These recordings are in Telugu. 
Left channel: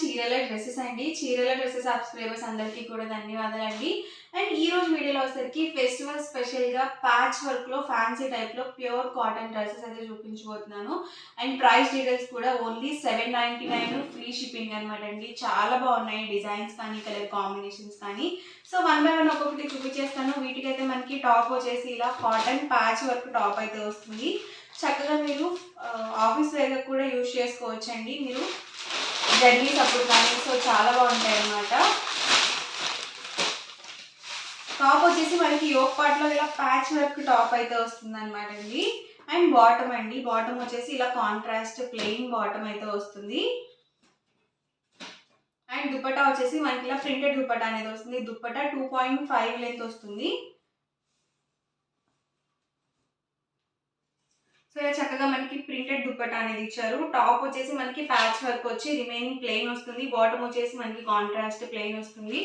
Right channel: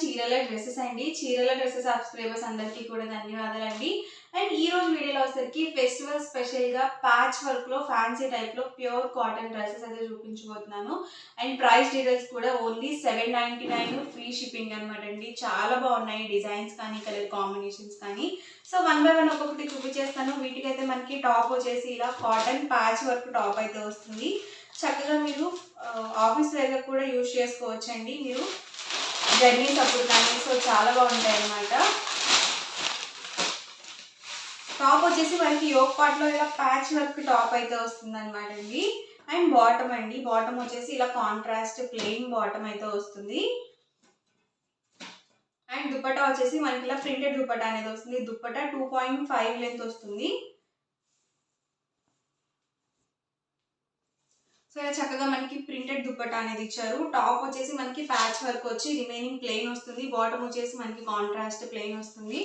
చీరల డ్రెస్సెస్ అండి. చీరల డ్రెస్సెస్ సబ్స్క్రైబర్స్ అందరికీ కూడా ధన్యవాదాలండి. అండ్ ఈ రోజు వీడియోలో వచ్చేసరికి ఫెస్టివల్ స్పెషల్‌గా ప్యాచ్ వర్క్‌లో ఫ్యాన్సీ టైప్‌లో ప్యూర్ కాటన్ డ్రెసెస్ అయితే చూపించబోతున్నాను. అండ్ ప్రైస్ డీటెయిల్స్ కూడా ఓన్లీ 799 ఫ్రీ షిప్పింగ్ అనమాట అండి. చాలా బాగున్నాయి డిజైన్స్ కానీ, కలర్ కాంబినేషన్స్ కానీ. సో వన్ బై వన్ ఒక్కొక్కటి చూపించేస్తాను. వీటికైతే మనకి టాప్ వచ్చేసి ఇలా కాటన్ ప్యాచ్ వర్క్ టాప్ అయితే వస్తుంది. చక్కగా మీరు ఆఫీస్ వేర్‌గా కూడా యూజ్ చేసుకోవచ్చండి మీరు జర్నీస్ అప్పుడు కానీ. సో చాలా బాగుంటాయి అన్నమాట. టాప్ వచ్చేసి మనకి యోక్ పార్ట్లో ఇలా ప్యాచ్ వర్క్ టాప్ అయితే వస్తుంది అనమాట అండి. అండ్ బాటమ్ అండి, బాటమ్ వచ్చేసి ఇలా కాంట్రాస్ట్ ప్లెయిన్ బాటమ్ అయితే వస్తుంది. అండ్ దుపట్టా వచ్చేసి మనకి ఇలా ప్రింటెడ్ దుపట్టా అనేది వస్తుంది. దుపట్టా 2.5 లెంత్ వస్తుంది. సో ఇలా చక్కగా మనకి ప్రింటెడ్ దుపట్టా అనేది ఇచ్చారు. టాప్ వచ్చేసి మనకి ప్యాచ్ వర్క్ వచ్చి రిమైనింగ్ ప్లెయిన్ వస్తుంది. బాటమ్ వచ్చేసి మనకి కాంట్రాస్ట్ ప్లెయిన్ వస్తుంది.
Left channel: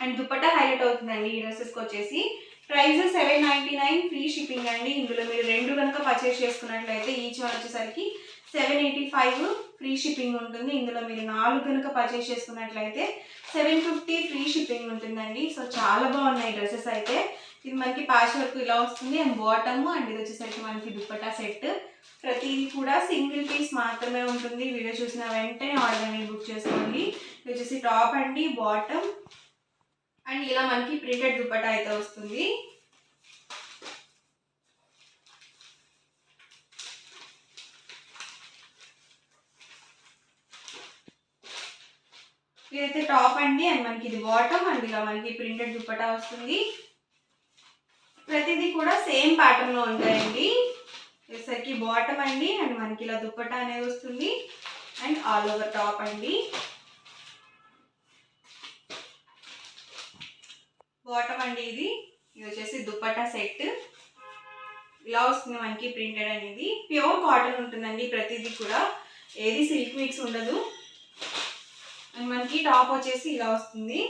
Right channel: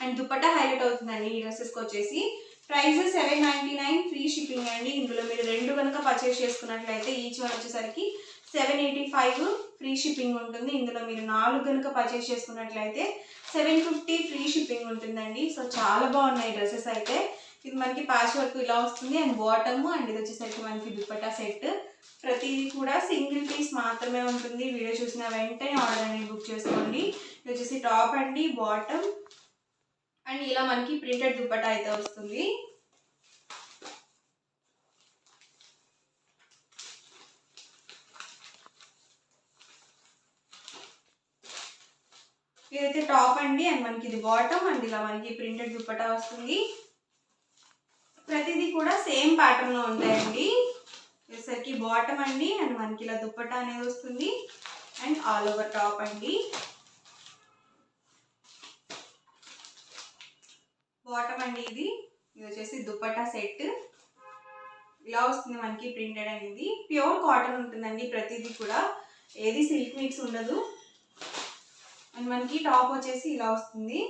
అండ్ దుపట్టా హైలైట్ అవుతుందండి ఈ డ్రెస్సెస్కి వచ్చేసి. ప్రైస్ 799 ఫ్రీ షిప్పింగ్ అండి. ఇందులో మీరు 2 కనుక పర్చేస్ చేసుకున్నట్లయితే ఈచ్ వన్ వచ్చేసరికి 785 ఫ్రీ షిప్పింగ్ ఉంటుంది. ఇందులో మీరు 4 కనుక పర్చేస్ చేసుకున్నట్లయితే 750 ఫ్రీ షిప్పింగ్ ఉంటుందండి. సో చాలా బాగున్నాయి డ్రెస్సెస్ అయితే. ఇది మనకి ప్యాచ్ వర్క్ ఇలా వస్తుంది. అండ్ బాటమ్ అండ్ ఇది వచ్చేసరికి మనకి దుపట్టా సెట్. ప్రతిదీ కూడా సింగిల్ పీస్ మాత్రమే ఉంటుంది. వీడియో చూసిన వెంటనే ఆర్డర్ అనేది బుక్ చేసుకోండి. ఇది వచ్చేసి టాప్ అండి, బాటమ్ అండ్ ఇలా మనకి ప్రింటెడ్ దుపట్టా అయితే వస్తుంది. ఇదైతే టాప్ అండి అండ్ మనకి ఇది బాటమ్ అండ్ ఇలా మనకి ప్రింటెడ్ దుపట్టా వస్తుంది. ప్రతిదీ కూడా సేమ్ ప్యాటర్న్ లో ఉంటాయండి. వచ్చేసరికి బాటమ్ అండి అండ్ మనకి ఇలా దుపట్టా అనేది వస్తుంది. అండ్ ఆల్ ఓవర్ టాప్ అండి. బాటమ్ అండి ఇది వచ్చేసి దుపట్టా సెట్ ఇలా వస్తుంది మనకి ప్రింటెడ్ అనేది. ప్యూర్ కాటన్ ఉంటుందండి ప్రతిదీ కూడా, ఏది సిల్క్ మిక్స్ ఉండదు. అండ్ మనకి టాప్ వచ్చేసి ఇలా వస్తుంది.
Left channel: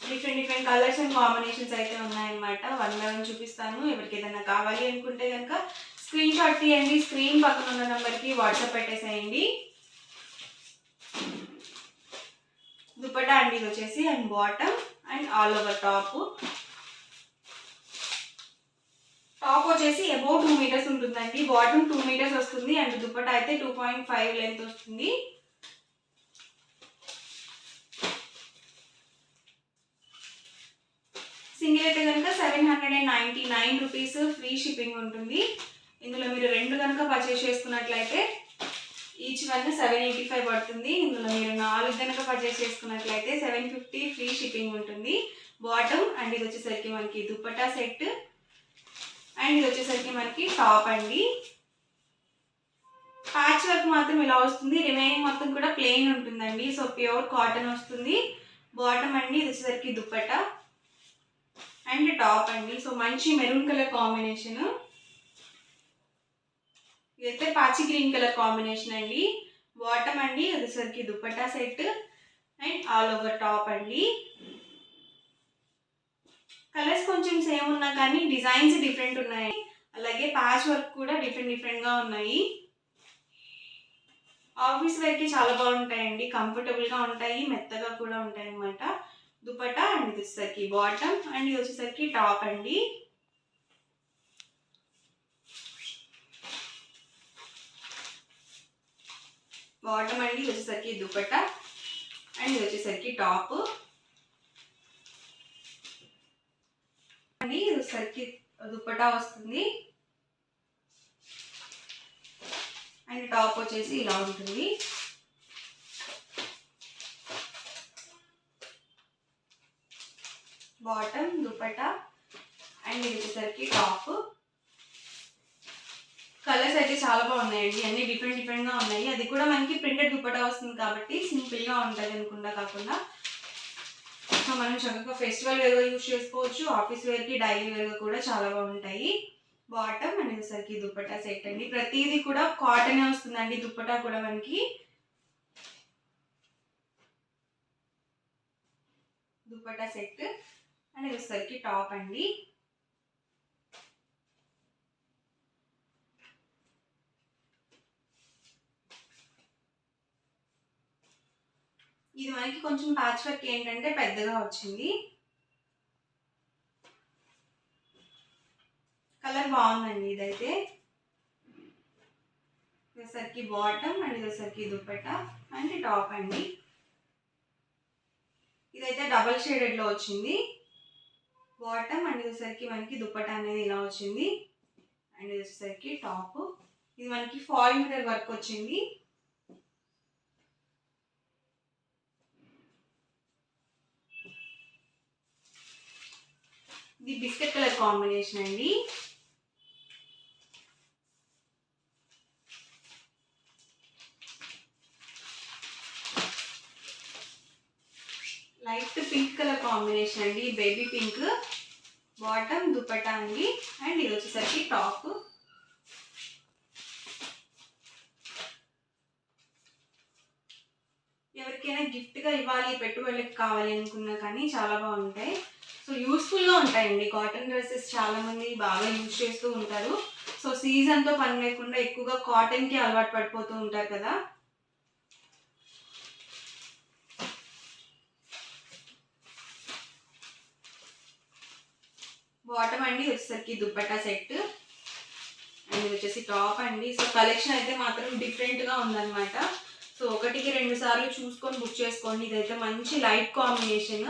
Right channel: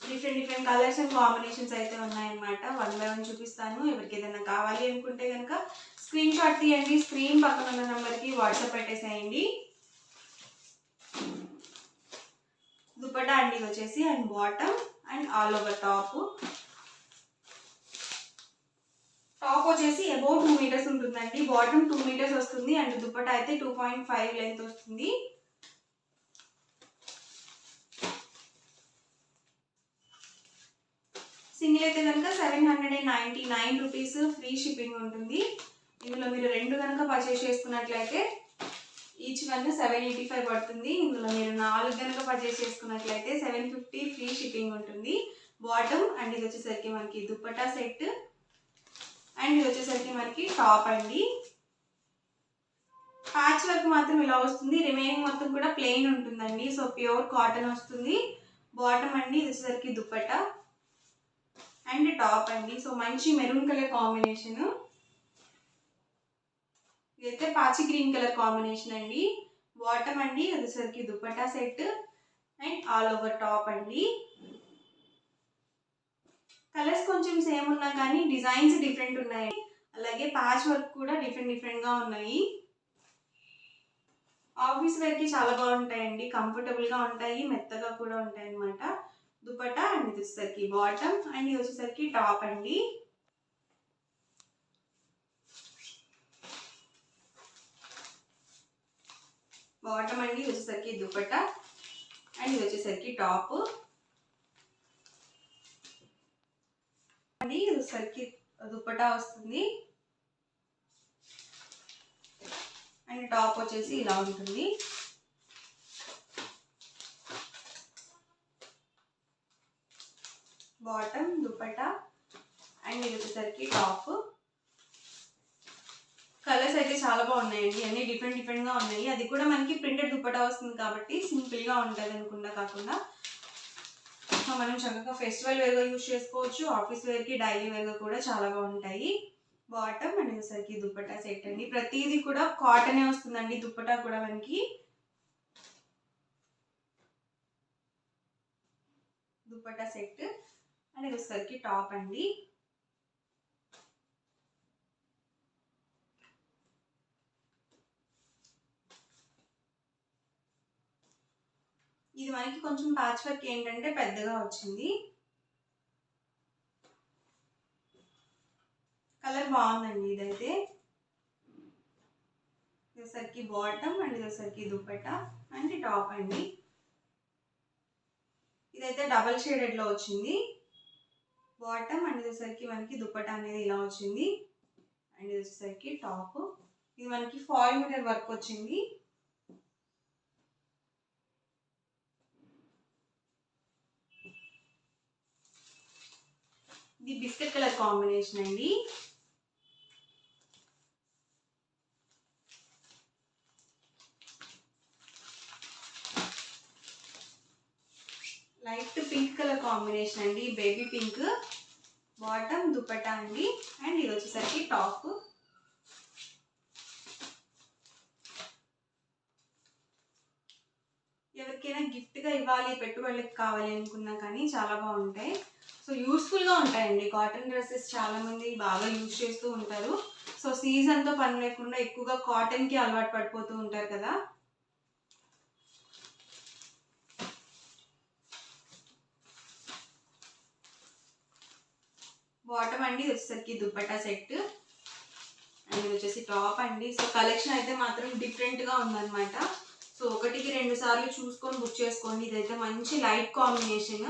డిఫరెంట్ కలర్స్ అండ్ కాంబినేషన్స్ అయితే ఉన్నాయన్నమాట. వన్ బై వన్ చూపిస్తాను. ఎవరికి ఏదైనా కావాలి అనుకుంటే కనుక స్క్రీన్ షాట్ తీయండి. స్క్రీన్ పక్కన ఉన్న నెంబర్కి వాట్సాప్ పెట్టేసేయండి. దుపట్టా అండి ఇది వచ్చేసి and bottom and all over top. Top వచ్చేసి అబౌవ్ 2 మీటర్స్ ఉంటుందండి. బాటమ్ 2 మీటర్స్ వస్తుంది అండ్ దుపట్టా అయితే 2.5 లెంత్ వస్తుంది. సింగిల్ అయితే కనుక 799 రూపీస్ ఫ్రీ షిప్పింగ్ ఉంటుంది. ఇందులో మీరు 2 కనుక పర్చేస్ చేసుకున్నట్లయితే ఈచ్ వన్ 785 పడుతుంది. ఇందులో మీరు 4 కనుక పర్చేస్ చేసుకున్నట్లయితే 750 ఫ్రీ షిప్పింగ్ ఉంటుంది. బాటమ్ అండ్ ఇది వచ్చేసరికి మనకి దుపట్టా సెట్ అండ్ ఇది వచ్చేసరికి మనకి టాప్ అండి. ప్యాచ్ వర్క్ మాత్రం ఇలా వస్తుంది. రిమైనింగ్ మొత్తం కూడా ప్లెయిన్ ఉంటుందండి. సో ప్యూర్ కాటన్ వస్తుంది. బాటమ్ అండి ఇది వచ్చేసరికి దుపట్టా అండ్ టాప్ అండి. సో మంచి మెరూన్ కలర్ కాంబినేషన్. ఇదైతే పాచి గ్రీన్ కలర్ కాంబినేషన్ అండి. బాటమ్ అండి అది వచ్చేసరికి dupatta set and all over top అండి. కలర్స్ కొంచెం సేమ్ ఉన్నా కానీ డిజైన్స్ డిఫరెంట్ ఉన్నాయి. అలాగే ప్యాచ్ వర్క్ కూడా డిఫరెంట్గా ఉన్నాయి. ఆఫీస్ వేర్కి చాలా బాగుంటాయండి. కంఫర్టబుల్గా ఉంటాయి, మెత్తగా కూడా ఉంటాయి అన్నమాట. దుపట్టా అండ్ ఇది వచ్చేసరికి బాటమ్ అండ్ ఇది వచ్చేసరికి టాప్ అండి. బాటమ్ అండి ఇది వచ్చేసరికి దుపట్టా అండ్ ఇది వచ్చేసరికి టాప్ అండి. ఇది వచ్చేసరికి దుపట్టా వస్తుంది అండ్ టాప్ వచ్చేసి ఇలా ఉంటుంది. బాటమ్, దుపట్టా అండ్ ఇది వచ్చేసరికి టాప్. కలర్స్ అయితే చాలా బాగున్నాయండి. అన్ని డిఫరెంట్గా ఉన్నాయి. అది కూడా మనకి ప్రింటెడ్ దుపట్టా వస్తుంది కాబట్టి సింపుల్గా ఉంటుంది అనుకుండా కాకుండా. సో మనం చక్కగా ఫెస్టివల్ వేర్గా యూజ్ చేసుకోవచ్చు. ఆఫీస్ వేర్కి డైలీ వేర్గా కూడా చాలా బాగుంటాయి. బాటమ్ అండ్ వచ్చేసరికి దుపట్టా సెట్ అండి. ప్రతిదీ కూడా కాటనే వస్తుందండి. దుపట్టా కూడా మనకి దుపట్టా సెట్ అండ్ వచ్చేసరికి టాప్ అండి. ఇది మనకి కొంచెం ప్యాచ్ వర్క్ ఏంటంటే పెద్దగా వచ్చింది. కలర్ బాగుందండి ఇదైతే. ఇదొసరికి బాటమ్ అండ్ ఇదొసరికి దుపట్టా అండ్ టాప్ అండి. ఇదైతే డబల్ షేడెడ్లో వచ్చింది. బాటమ్ అండ్ ఇదొసరికి మనకి దుపట్టా అనేది ఇలా వచ్చింది. అండ్ ఇది వచ్చేసరికి టాప్. ఇది మనకి ఫాయిల్ మీటర్ వర్క్ వచ్చింది. ఇది బిస్కెట్ కలర్ కాంబినేషన్ అండి. లైట్ పింక్ కలర్ కాంబినేషన్ అండి, బేబీ పింక్. బాటమ్ దుపట్టా అండి అండ్ ఇది వచ్చేసరికి టాప్. ఎవరికైనా గిఫ్ట్గా ఇవ్వాలి, పెట్టుబడులకు కావాలి అనుకున్నా కానీ చాలా బాగుంటాయి. సో యూస్ఫుల్గా ఉంటాయండి. కాటన్ డ్రెస్సెస్ చాలామంది బాగా యూజ్ చేస్తూ ఉంటారు. సో సీజన్తో పని లేకుండా ఎక్కువగా కాటన్కి అలవాటు పడిపోతూ ఉంటారు కదా. బాటమ్ అండి వచ్చేసరికి దుపట్టా సెట్ అండ్ ఇది వచ్చేసి టాప్ అండి. సో కలెక్షన్ అయితే మాత్రం డిఫరెంట్గా ఉందన్నమాట. సో 1కి 2 సార్లు చూసుకొని బుక్ చేసుకోండి. ఇదైతే మంచి light combination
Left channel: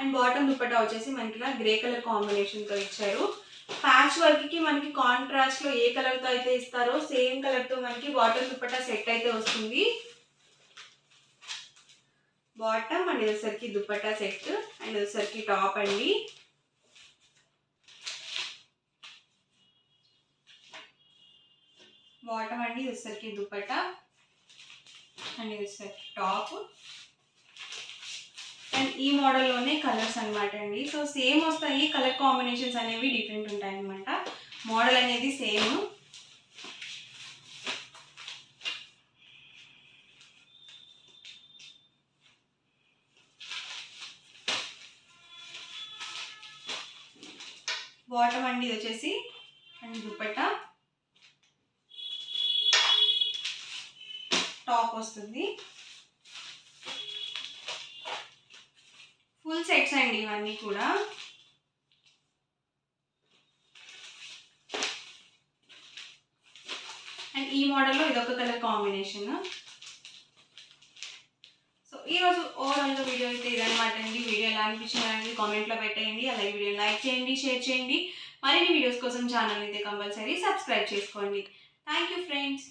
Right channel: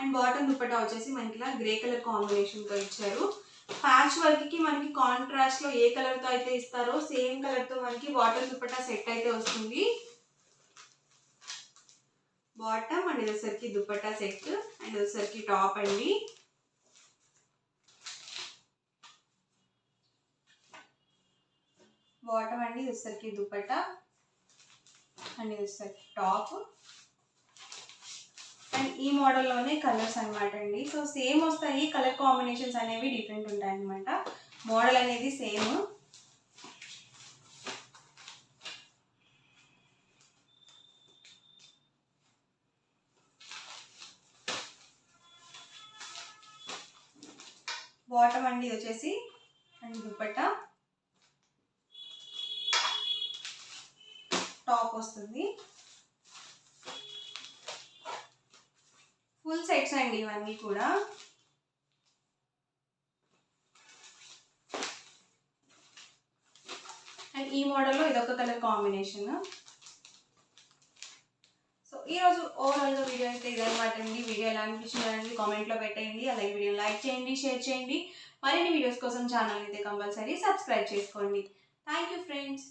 and bottom dupatta వచ్చేసి మనకి ఇలా గ్రే కలర్ కాంబినేషన్తో ఇచ్చారు. ప్యాచ్ వర్క్కి మనకి కాంట్రాస్ట్లో ఏ కలర్తో అయితే ఇస్తారో సేమ్ కలర్తో మనకి బాటమ్ దుపట్టా సెట్ అయితే వస్తుంది. బాటమ్ అండ్ ఇది వచ్చేసరికి దుపట్టా సెట్ అండ్ వచ్చేసరికి టాప్ అండి. బాటమ్ అండి ఇది వచ్చేసరికి దుపట్టా అండ్ ఇది వచ్చేసరికి టాప్. అండ్ ఈ మోడల్లోనే కలర్స్ అనమాట అండి. సో సేమ్ వస్తాయి, కలర్ కాంబినేషన్స్ అనేవి డిఫరెంట్ ఉంటాయి అనమాట. మోడల్ అనేది సేమ్. బాటమ్ అండి ఇది వచ్చేసి అండ్ దుపట్టా, టాప్ వస్తుంది. ఫుల్ సెట్స్ అండి ఇవన్నీ కూడా. అండ్ ఈ మోడల్లో ఇదొక కలర్ కాంబినేషన్. సో ఈరోజు ఓవరాల్గా వీడియో అయితే ఇదనమాట అండి. వీడియో ఎలా అనిపించింది అనేది కామెంట్లో పెట్టేయండి. అలాగే వీడియో లైక్ చేయండి, షేర్ చేయండి. మరిన్ని వీడియోస్ కోసం ఛానల్ అయితే కంపల్సరీ సబ్స్క్రైబ్ చేసుకోండి. Thank you friends.